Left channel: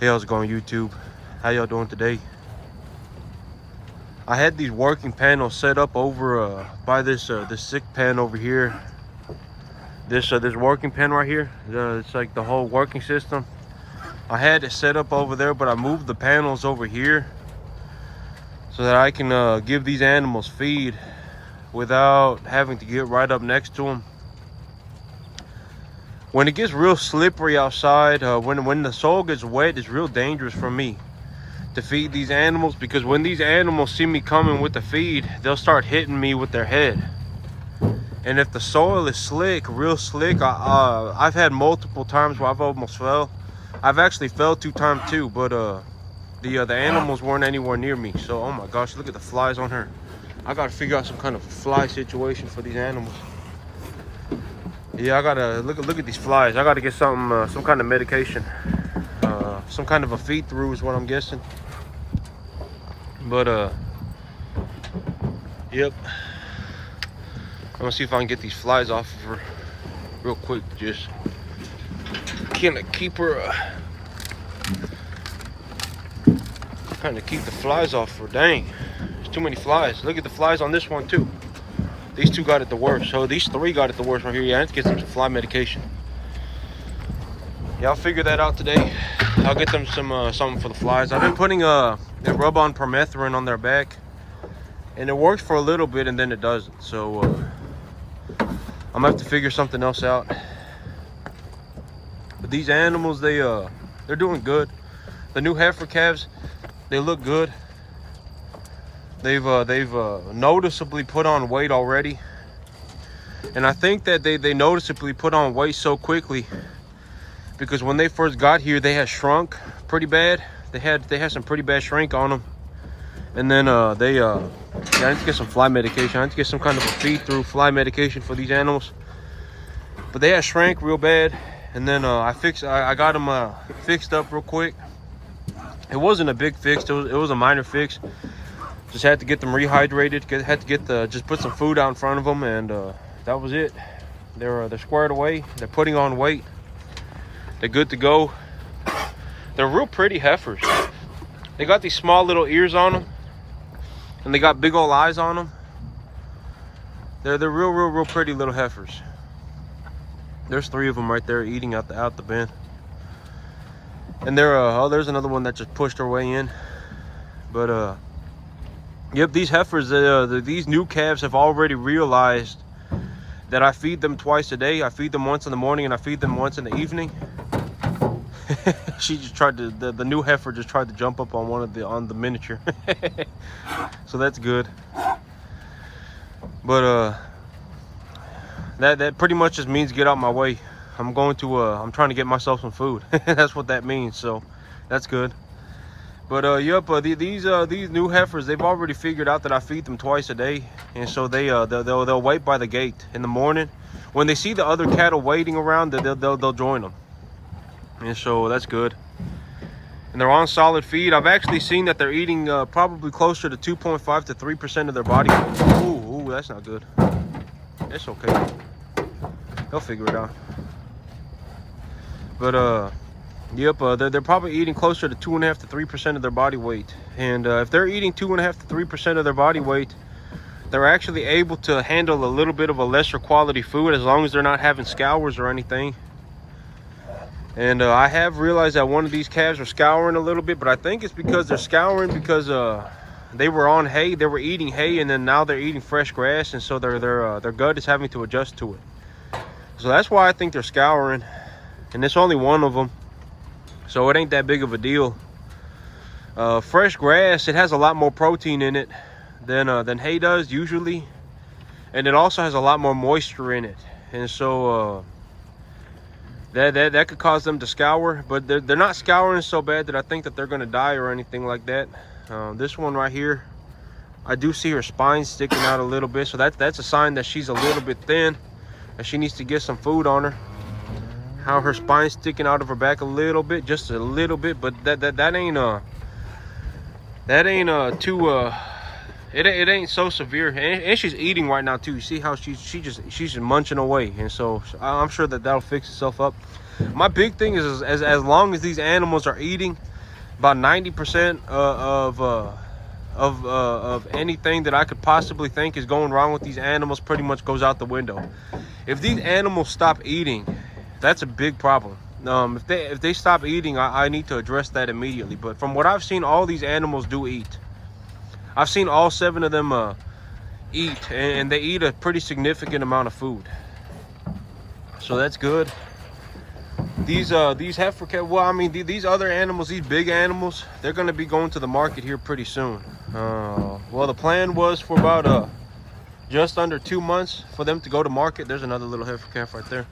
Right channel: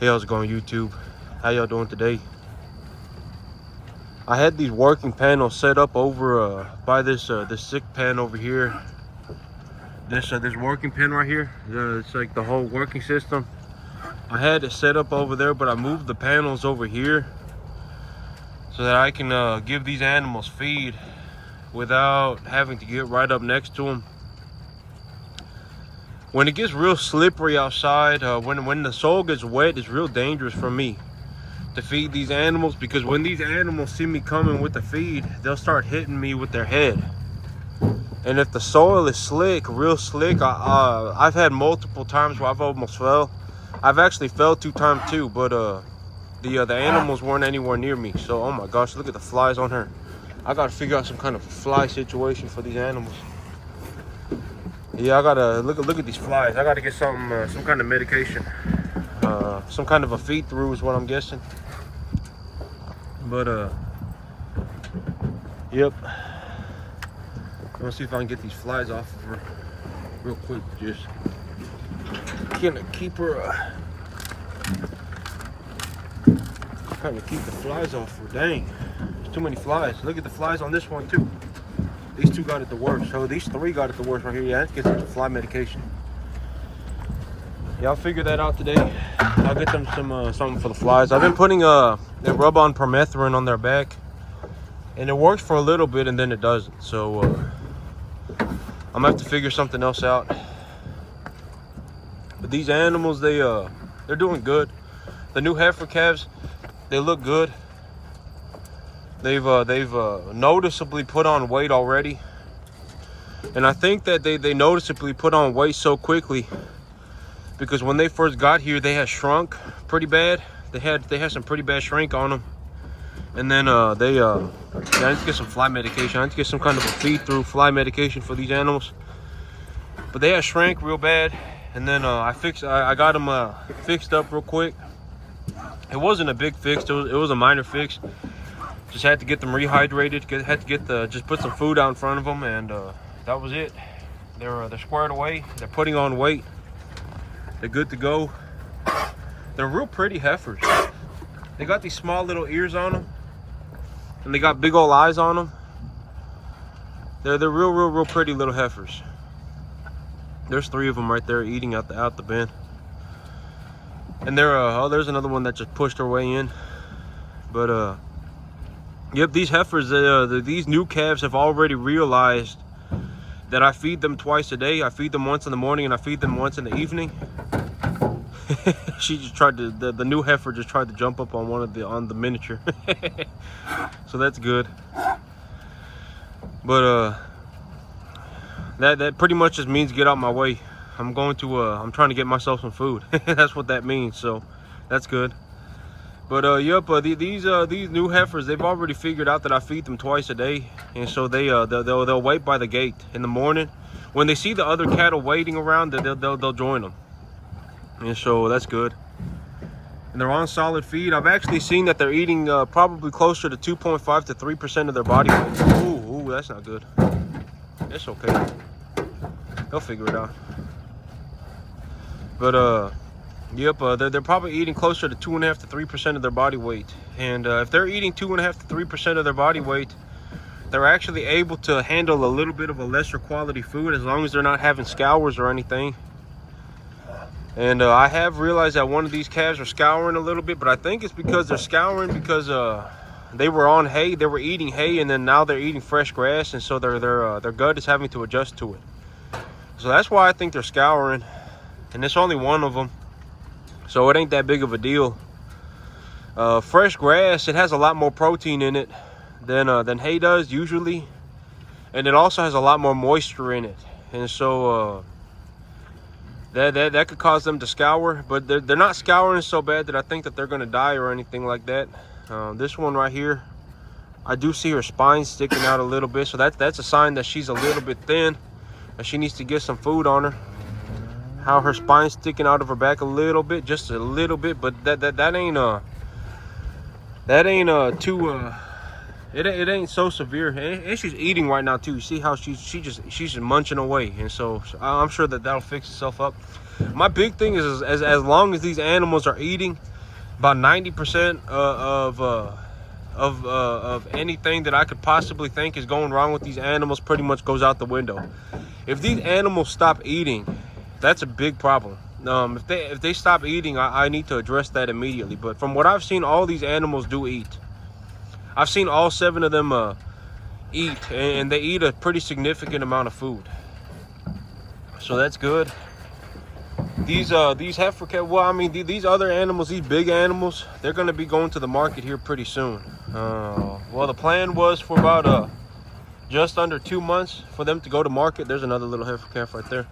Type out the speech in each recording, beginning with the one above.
Hey, how's it going, YouTube? How y'all doing today? I had these working panels set up over by this this sick pen over here. This working pen right here. It's like the whole working system. I had it set up over there, but I moved the panels over here so that I can give these animals feed without having to get right up next to them. When it gets real slippery outside, when the soil gets wet, it's real dangerous for me to feed these animals, because when these animals see me coming with the feed, they'll start hitting me with their head. And if the soil is slick, real slick, I've had multiple times where I've almost fell. I've actually fell 2 times too, but the animals weren't anywhere near me. So, oh my gosh, look at the flies on her. I gotta figure out some kind of fly situation for these animals. Yeah, I gotta look at these flies. I gotta get some kind of medication, some kind of a feed through is what I'm guessing. But yep. I'm gonna see if I can get these flies off of her real quick. Just kind of keep her, kind of keep the flies off her. Dang, there's too many flies. Look at the flies on this one too. These 2 got it the worst. So these 3 got it the worst right here. Yeah, I have to get some fly medication. Yeah, I'll figure that out today. I'll get them something for the flies. I've been putting a rub-on permethrin on their back, and it works for a little bit and then it doesn't. So I'm gonna have to figure something else out. But these animals, they're doing good. The new heifer calves, they look good. They've noticeably put on weight already, and I think that they noticeably put on weight so quickly because when they first got here, they had shrunk pretty bad. They had some pretty bad shrink on them, and then yeah, I need to get some fly medication. I need to get some kind of a feed through fly medication for these animals. But they had shrank real bad, and then I got them fixed up real quick. It wasn't a big fix. It was a minor fix. Just had to get them rehydrated. Had to just put some food out in front of them, and that was it. They're squared away. They're putting on weight. They're good to go. They're real pretty heifers. They got these small little ears on them, and they got big old eyes on them. They're real pretty little heifers. There's 3 of them right there eating out the bin. And oh, there's another one that just pushed her way in. But yep, these heifers, these new calves have already realized that I feed them twice a day. I feed them once in the morning and I feed them once in the evening. She just tried to, the new heifer just tried to jump up on on the miniature. So that's good. But that pretty much just means get out my way. I'm trying to get myself some food. That's what that means. So that's good. But yep, these new heifers, they've already figured out that I feed them twice a day, and so they'll wait by the gate in the morning. When they see the other cattle waiting around, they'll join them, and so that's good. And they're on solid feed. I've actually seen that they're eating probably closer to 2.5 to 3% of their body weight. Ooh, that's not good. It's okay. They'll figure it out. But yep, they're probably eating closer to 2.5 to 3% of their body weight. And if they're eating 2.5 to 3% of their body weight, they're actually able to handle a little bit of a lesser quality food as long as they're not having scours or anything. And I have realized that one of these calves are scouring a little bit, but I think it's because they're scouring because they were on hay, they were eating hay, and then now they're eating fresh grass, and so their gut is having to adjust to it. So that's why I think they're scouring, and it's only one of them. So it ain't that big of a deal. Fresh grass, it has a lot more protein in it than hay does usually, and it also has a lot more moisture in it, and so that could cause them to scour. But they're not scouring so bad that I think that they're going to die or anything like that. This one right here, I do see her spine sticking out a little bit, so that's a sign that she's a little bit thin, and she needs to get some food on her. How her spine's sticking out of her back a little bit, just a little bit, but that ain't too it ain't so severe. And she's eating right now too. You see how she's just munching away, and so I'm sure that'll fix itself up. My big thing is as long as these animals are eating, about 90% of anything that I could possibly think is going wrong with these animals pretty much goes out the window. If these animals stop eating, that's a big problem. If they stop eating, I need to address that immediately. But from what I've seen, all these animals do eat. I've seen all 7 of them eat, and they eat a pretty significant amount of food. So that's good. These heifer calves, well, I mean, these other animals, these big animals, they're going to be going to the market here pretty soon. Well, the plan was for about just under 2 months for them to go to market. There's another little heifer calf right there.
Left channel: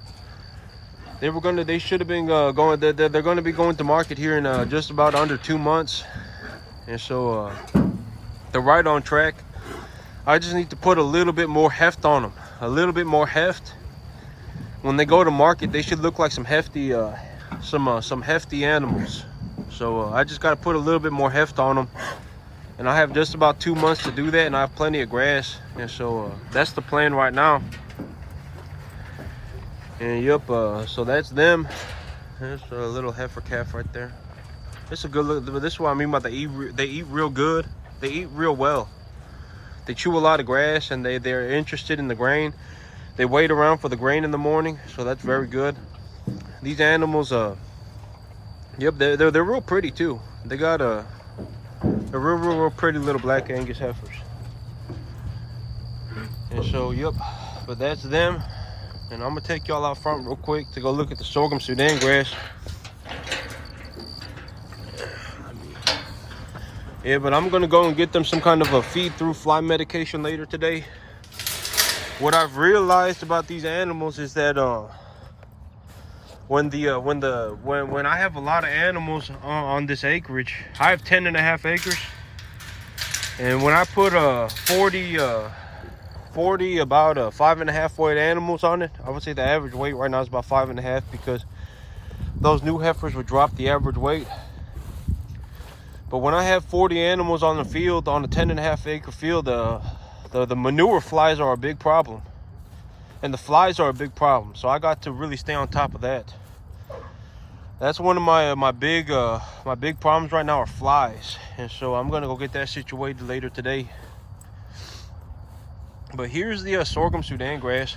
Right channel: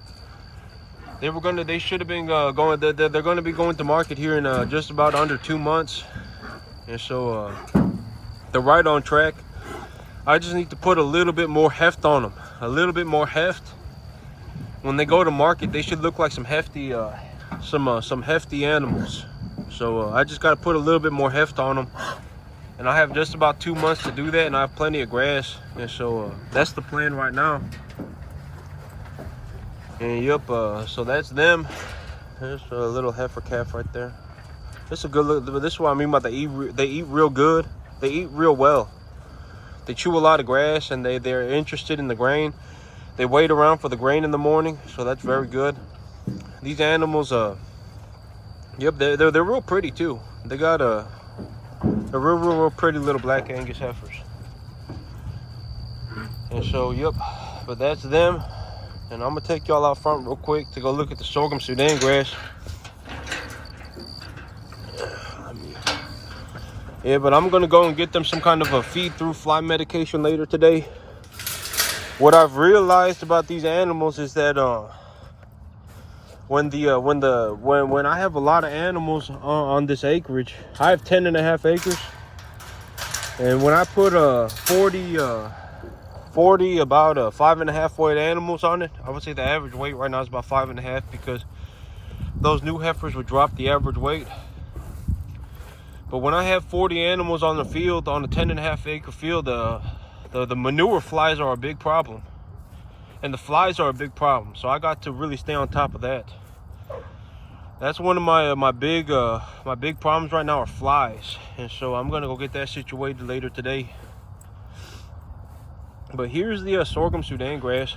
They should have been going. They're going to be going to market here in just about under 2 months, and so they're right on track. I just need to put a little bit more heft on them, a little bit more heft. When they go to market, they should look like some hefty animals. So I just got to put a little bit more heft on them, and I have just about 2 months to do that, and I have plenty of grass, and so that's the plan right now. And yep, so that's them. There's a little heifer calf right there. This is a good look. This is what I mean by they eat real good. They eat real well. They chew a lot of grass, and they're interested in the grain. They wait around for the grain in the morning, so that's very good. These animals, yep, they're real pretty too. They got they're real pretty little black Angus heifers. And so, yep, but that's them. And I'm gonna take y'all out front real quick to go look at the sorghum Sudan grass. Yeah, but I'm gonna go and get them some kind of a feed through fly medication later today. What I've realized about these animals is that when I have a lot of animals on this acreage, I have 10.5 acres, and when I put 40 about 5.5 weight animals on it, I would say the average weight right now is about 5.5, because those new heifers would drop the average weight. But when I have 40 animals on the field, on a 10.5 acre field, the manure flies are a big problem, and the flies are a big problem. So I got to really stay on top of that. That's one of my big problems right now are flies, and so I'm gonna go get that situated later today. But here's the sorghum Sudan grass,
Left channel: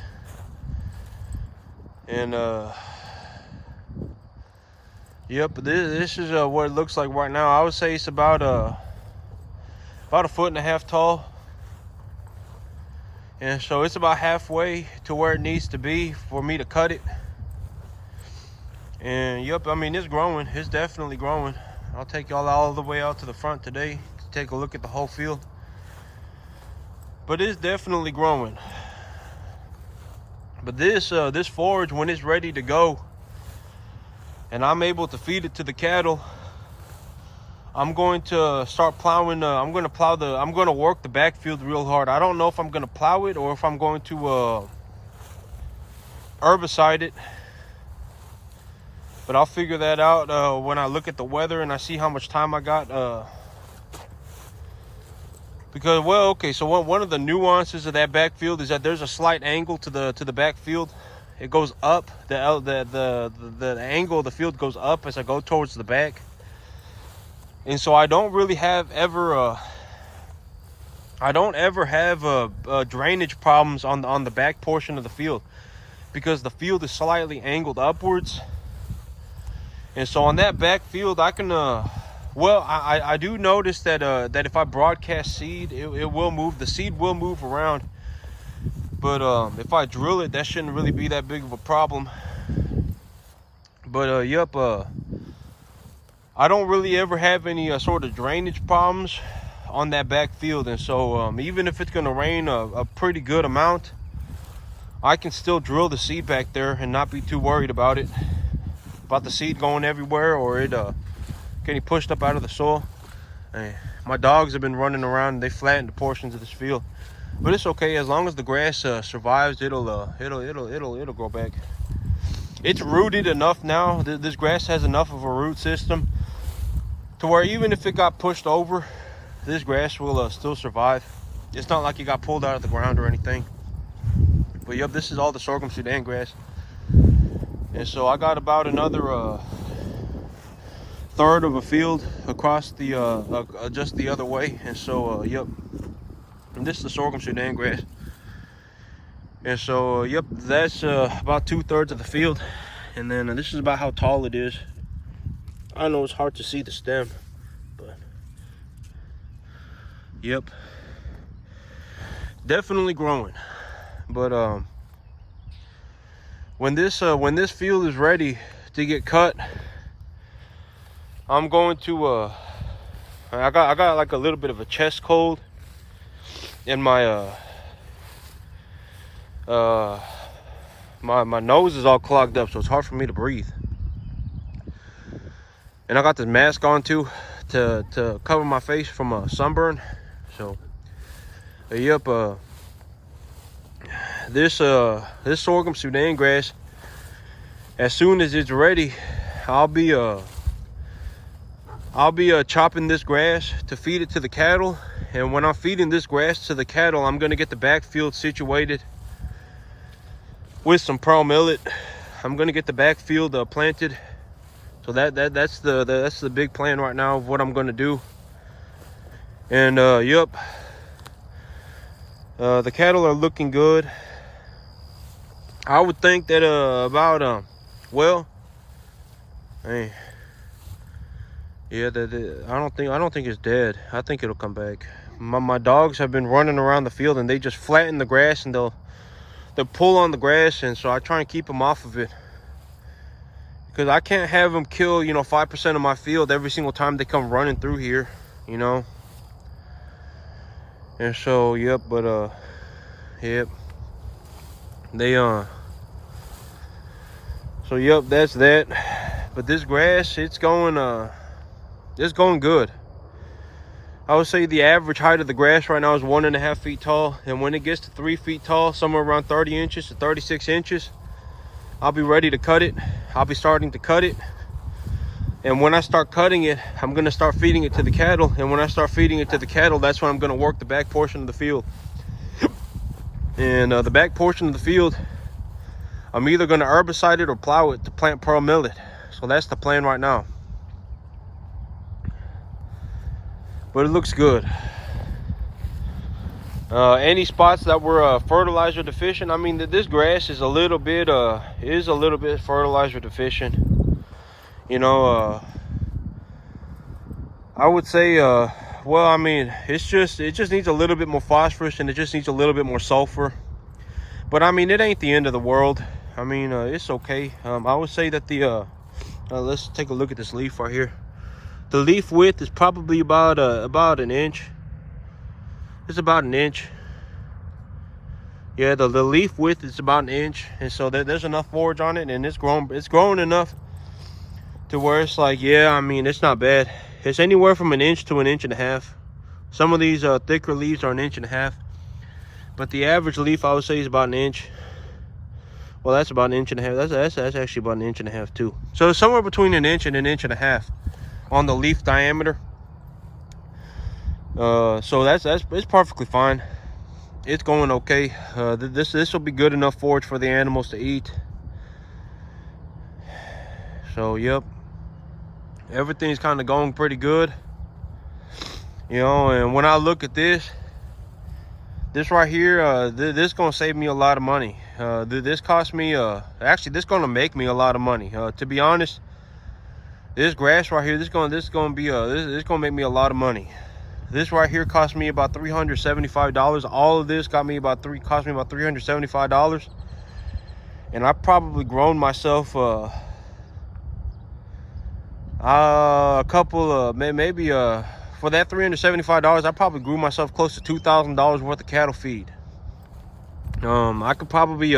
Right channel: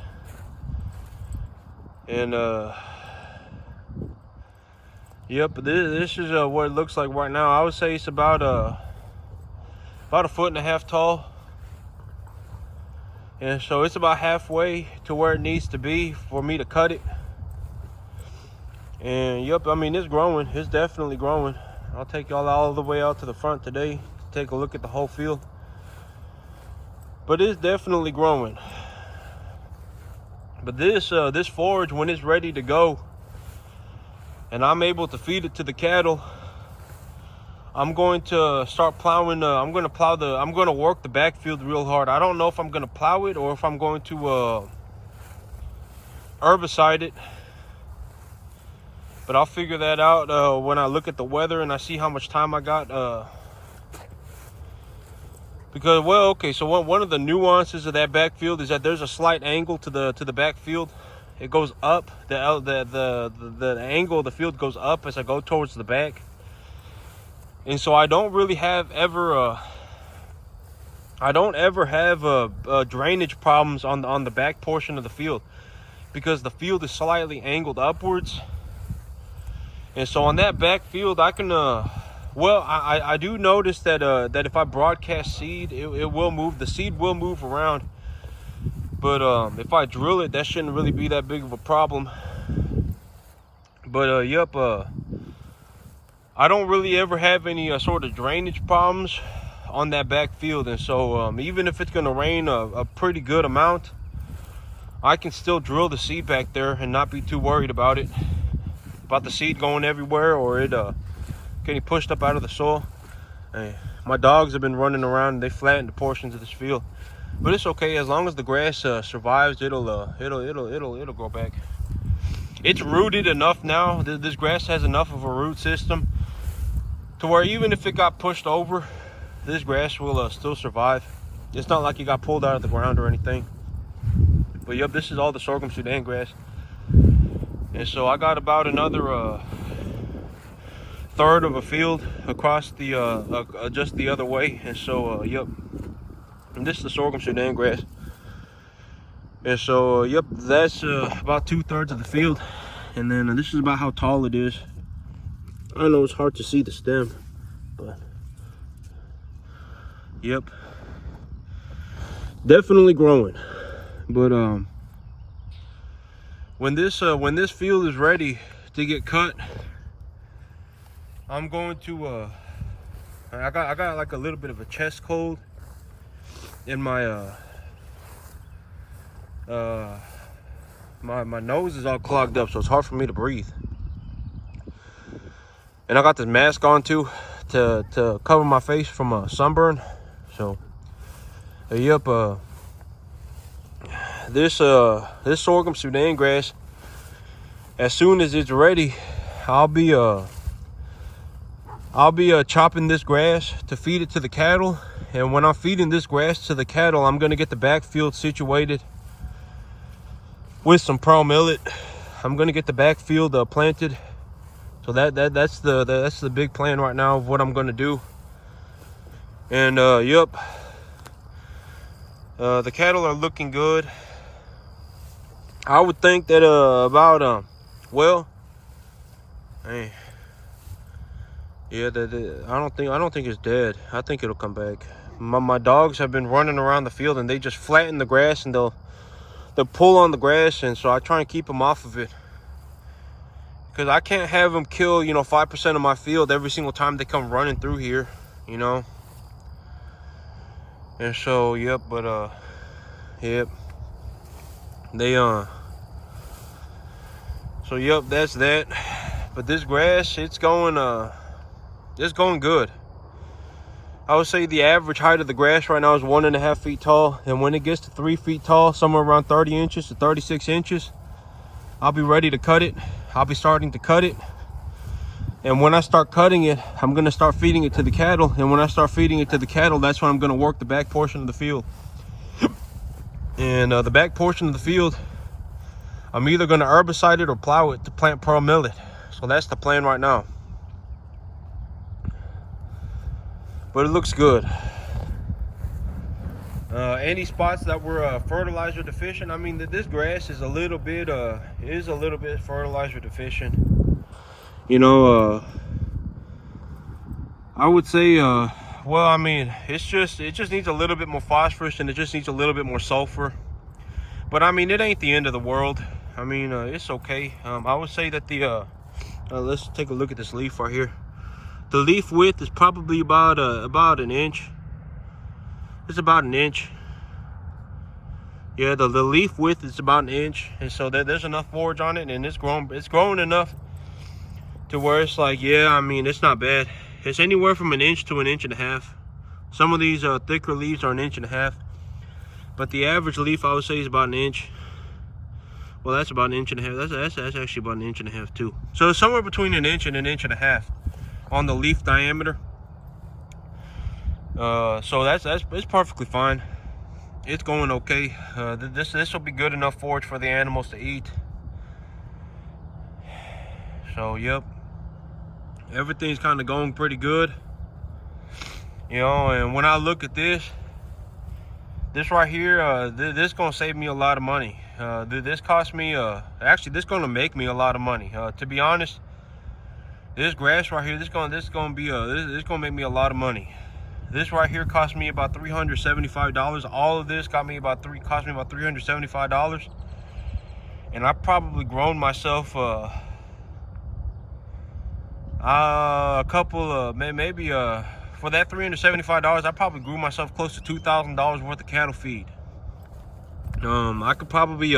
and yep, this is what it looks like right now. I would say it's about a 1.5 foot tall, and so it's about halfway to where it needs to be for me to cut it. And yep, I mean, it's growing. It's definitely growing. I'll take y'all all the way out to the front today to take a look at the whole field. But it's definitely growing. But this forage, when it's ready to go and I'm able to feed it to the cattle, I'm going to start plowing. I'm going to work the backfield real hard. I don't know if I'm going to plow it or if I'm going to herbicide it. But I'll figure that out when I look at the weather and I see how much time I got. Because, well, okay, so one of the nuances of that backfield is that there's a slight angle to the backfield. It goes up. The angle of the field goes up as I go towards the back. And so I don't really have ever have drainage problems on the back portion of the field, because the field is slightly angled upwards. And so on that back field, I can well, I do notice that that if I broadcast seed, it will move. The seed will move around. But if I drill it, that shouldn't really be that big of a problem. But yep, I don't really ever have any sort of drainage problems on that back field. And so even if it's gonna rain a pretty good amount, I can still drill the seed back there and not be too worried about the seed going everywhere, or it getting pushed up out of the soil. Hey, my dogs have been running around and they flattened the portions of this field, but it's okay. As long as the grass survives, it'll grow back. It's rooted enough now. This grass has enough of a root system to where even if it got pushed over, this grass will still survive. It's not like it got pulled out of the ground or anything. But yep, this is all the sorghum Sudan grass. And so I got about another third of a field across the just the other way. And so yep, and this is the sorghum Sudan grass. And so yep, that's about 2/3 of the field. And then this is about how tall it is. I know it's hard to see the stem, but yep, definitely growing. But when this field is ready to get cut, I'm going to I got like a little bit of a chest cold, and my my nose is all clogged up, so it's hard for me to breathe. And I got this mask on too to cover my face from a sunburn. So yep, this sorghum Sudan grass, as soon as it's ready, I'll be chopping this grass to feed it to the cattle. And when I'm feeding this grass to the cattle, I'm gonna get the backfield situated with some pearl millet. I'm gonna get the backfield planted. So that's the big plan right now of what I'm gonna do. And yep, the cattle are looking good. I would think that about well, hey, yeah, I don't think it's dead. I think it'll come back. My dogs have been running around the field, and they just flatten the grass, and they'll pull on the grass, and so I try and keep them off of it, because I can't have them kill 5% of my field every single time they come running through here, And so yep, but yep, they so yep, that's that. But this grass, it's going good. I would say the average height of the grass right now is 1.5 feet tall, and when it gets to 3 feet tall, somewhere around 30 inches to 36 inches, I'll be ready to cut it. I'll be starting to cut it, and when I start cutting it, I'm gonna start feeding it to the cattle. And when I start feeding it to the cattle, that's when I'm gonna work the back portion of the field. And the back portion of the field, I'm either gonna herbicide it or plow it to plant pearl millet. So that's the plan right now. But it looks good. Any spots that were fertilizer deficient, I mean, this grass is a little bit fertilizer deficient. I would say well, I mean, it just needs a little bit more phosphorus, and it just needs a little bit more sulfur. But I mean, it ain't the end of the world. I mean, it's okay. I would say that let's take a look at this leaf right here. The leaf width is probably about an inch. It's about an inch. Yeah, the leaf width is about an inch, and so there's enough forage on it, and it's growing enough to where it's like, yeah, I mean, it's not bad. It's anywhere from an inch to an inch and a half. Some of these thicker leaves are an inch and a half, but the average leaf, I would say, is about an inch. Well, that's about an inch and a half. That's actually about an inch and a half too. So somewhere between an inch and a half on the leaf diameter. So it's perfectly fine. It's going okay. This will be good enough forage for the animals to eat. So yep, everything's kind of going pretty good. And when I look at this right here, this is gonna save me a lot of money. This cost me actually, this gonna make me a lot of money. To be honest, this grass right here, this gonna make me a lot of money. This right here cost me about $375. All of this cost me about $375, and I probably grown myself a couple of maybe for that $375, I probably grew myself close to $2,000 worth of cattle feed. I could probably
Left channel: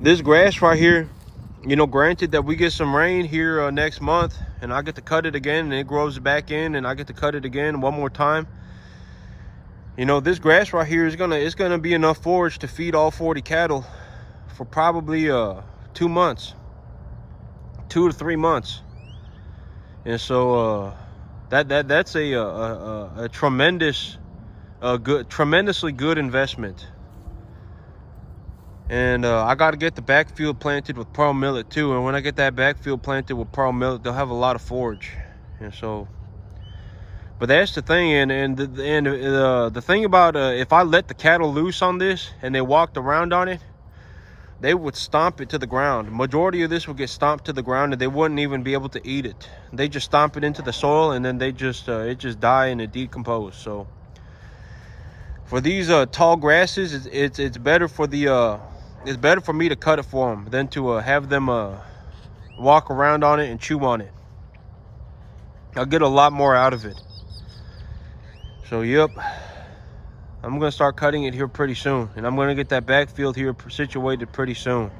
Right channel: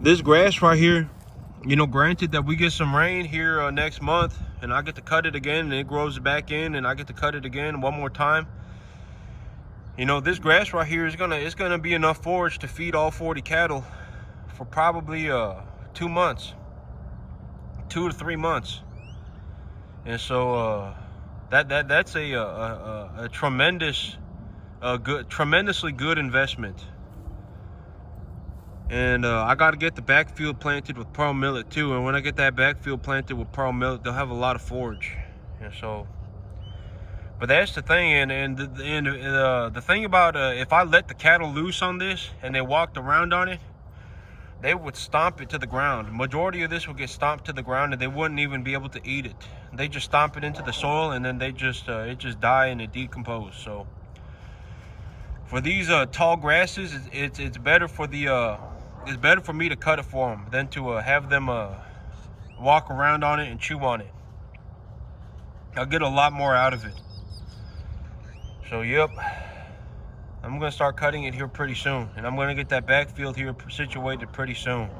this grass right here, granted that we get some rain here next month, and I get to cut it again, and it grows back in, and I get to cut it again one more time. This grass right here is gonna be enough forage to feed all 40 cattle for probably 2 months, 2 to 3 months. And so that's a tremendously good investment. And I got to get the backfield planted with pearl millet too. And when I get that backfield planted with pearl millet, they'll have a lot of forage. And so, but that's the thing. And the thing about if I let the cattle loose on this and they walked around on it, they would stomp it to the ground. Majority of this would get stomped to the ground, and they wouldn't even be able to eat it. They just stomp it into the soil, and then they just it just die and it decompose. So for these tall grasses, it's better for the it's better for me to cut it for them than to have them walk around on it and chew on it. I'll get a lot more out of it. So yep, I'm gonna start cutting it here pretty soon, and I'm gonna get that backfield here situated pretty soon.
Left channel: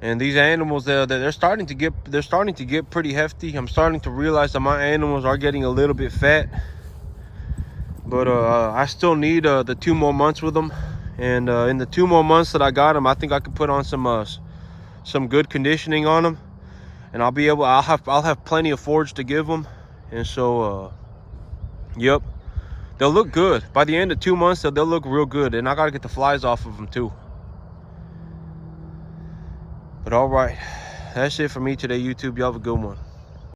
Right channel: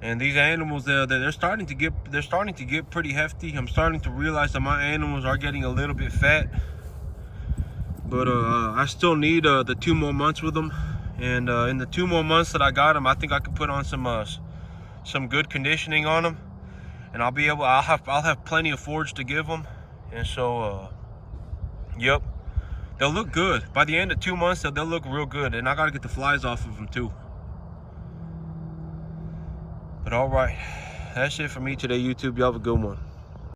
And these animals, they're starting to get pretty hefty. I'm starting to realize that my animals are getting a little bit fat, but I still need the 2 more months with them. And in the 2 more months that I got them, I think I could put on some good conditioning on them, and I'll have plenty of forage to give them. And so yep, they'll look good. By the end of 2 months, they'll look real good. And I gotta get the flies off of them too. But all right, that's it for me today, YouTube. Y'all have a good one.